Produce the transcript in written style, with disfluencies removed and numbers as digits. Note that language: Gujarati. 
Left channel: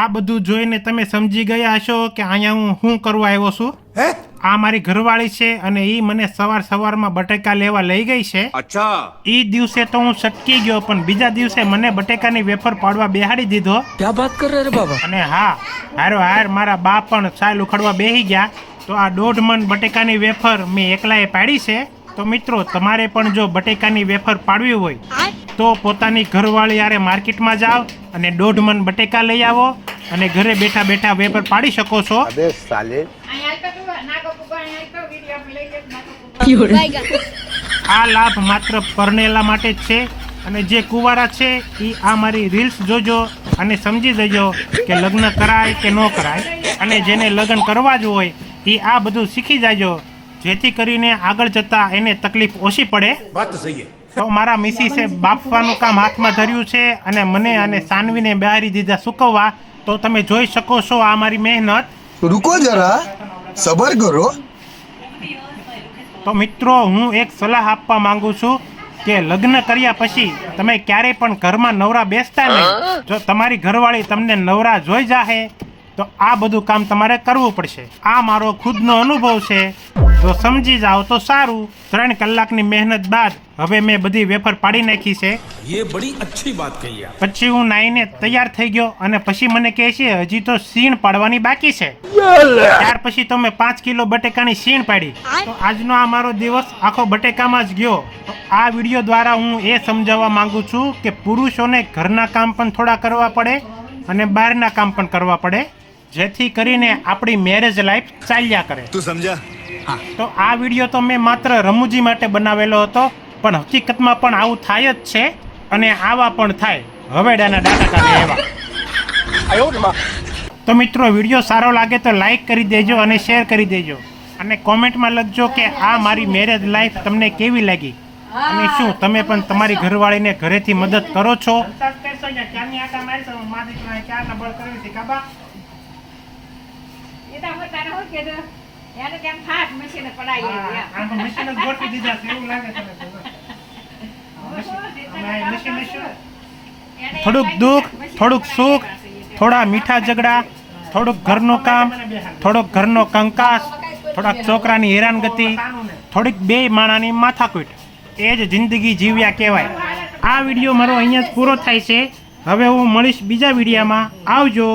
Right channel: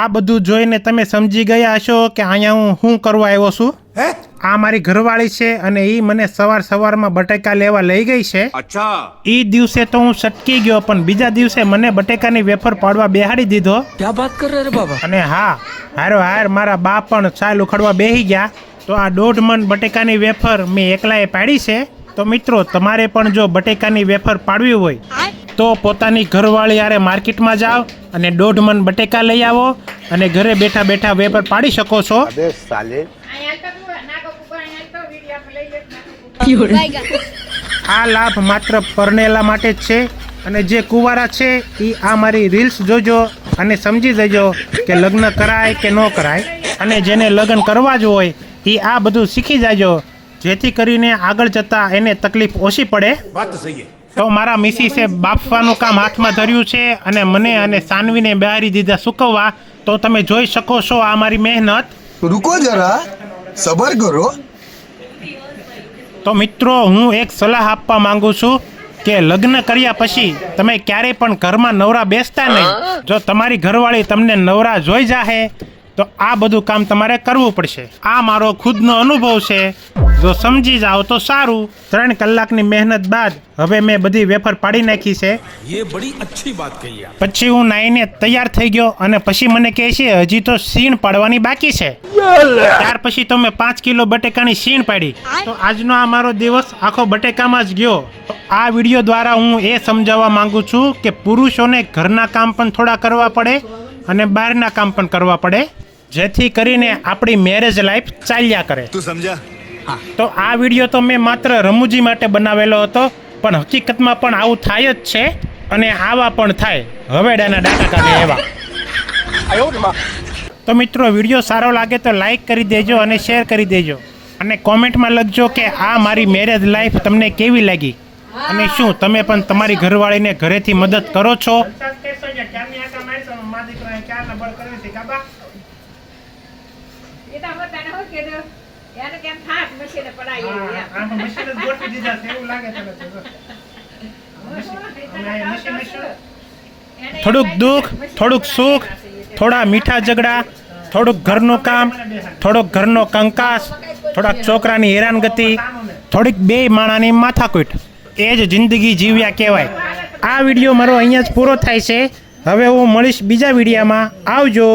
આ બધું જોઈને તમે સમજી ગયા હશો કે અહીંયા હું શું કરવા આવ્યો છું. આ મારી ઘરવાળી છે અને ઈ મને સવારમાં બટેકા લેવા લઈ ગઈ છે. અચ્છા. ઈ દિવસે તો હું સટકી ગયો, પણ બીજા દિવસે મને બટેકાની વેફર પાડવા બેહાડી દીધો. क्या बात कर रहे रे बाबा. અને હા, હારો મારા બા પણ ચાલ ઉખડવા બેહી ગયા. તો આ 1.5 મણ બટેકાની વેફર મેં એકલાએ પાડી છે. તો મિત્રો, તમારે પણ જો બટેકાની વેફર પાડવી હોય તો પોતાની ઘરવાળી યારે માર્કેટમાં જાઓ અને 1.5 મણ બટેકા લઈ આવો અને ઘરે બેઠા બેઠા વેફર પાડી શકો છો. આ લાભ માત્ર પરણેલા માટે જ છે. અને જે કુંવારા છે એ આ મારી રીલ્સ જોજો અને સમજી જજો કે લગ્ન કરાય કે ન કરાય. અને જેને લગ્ન કરવા જ હોય એ આ બધું શીખી જાજો, જેથી કરીને આગળ જતા એને તકલીફ ઓછી પડે. વાત સહી છે. તો મારા મિસીસે બાફવાનું કામ હાથમાં ધર્યું છે અને મને અને સાનવીને બહારી દીધા સુકવવા. તો તમે જોઈ શકો છો આ મારી મહેનત. रुको जरा सबर करो. તો મિત્રો, હું એક સલાહ આપવા માંગુ છું કે લગ્ન કર્યા પછી તમે ક્યારેય પણ ઘરમાં નવરા બેસતા નહીં. જો તમારી ઘરવાળી તમને નવરા જોઈ જાહે તો આ બધું કામ તમારે કરવું પડશે. આ મારો ખુદનો અનુભવ છે. જો સમજી જાઓ તો સારું. 3 કલાકની મહેનત બાદ હવે મેં બધી વેફર પાડી નાખી છે. ये बड़ी अच्छी बात कही आप. પછી હું નાઈને તૈયાર થઈ ગયો અને પછી મને કહે છે હજી તો સીણ પાડવાની બાકી છે. ત્યાર પછી તો મેં 5 કિલો બટેકાની સીણ પાડી. તો આજનો આ મારો દિવસ આખો બટેકામાં જ ગયો. તો આ વિડીયો દ્વારા હું એ સમજાવવા માંગુ છું કે પુરુષોને ઘરના કામ પણ થોડા કરવા પડે અને બહારના કામ પણ કરવા પડે, જેથી કરીને આપણી મેરેજ લાઈફ ચાલ્યા કરે. तू समझा. તો આ વિડીયો તો મેં માત્ર રમૂજી માટે બનાવેલો હતો, પણ હકીકતમાં પણ આવું થાય જ છે અને આવા પણ થાય. હવેડાના ડાટા કાઢે એવા. તો મિત્રો, વિડીયો સારો લાગે તો લાઈક કરી દેજો અને શેર કરી દેજો અને કોમેન્ટમાં લખજો કે આ મારી મેરેજ લાઈફ તમને કેવી લાગી અને શું તમે પણ તમારી ઘરવાળીને ઘરેથી મદદ કરો છો. થોડુંક દુઃખ, થોડુંક સુખ, થોડા મીઠા ઝઘડા, થોડુંક ઘરનું કામ, થોડોક ઘરનો કંકાસ, થોડાક છોકરાની હેરાનગતિ, થોડીક બે માણાની માથાકૂટ, એ જ જિંદગી જીવ્યા કહેવાય. આ વિડીયો મારો અહીંયા જ પૂરો થાય છે. હવે હું મળીશ બીજા વિડીયોમાં. આવજો.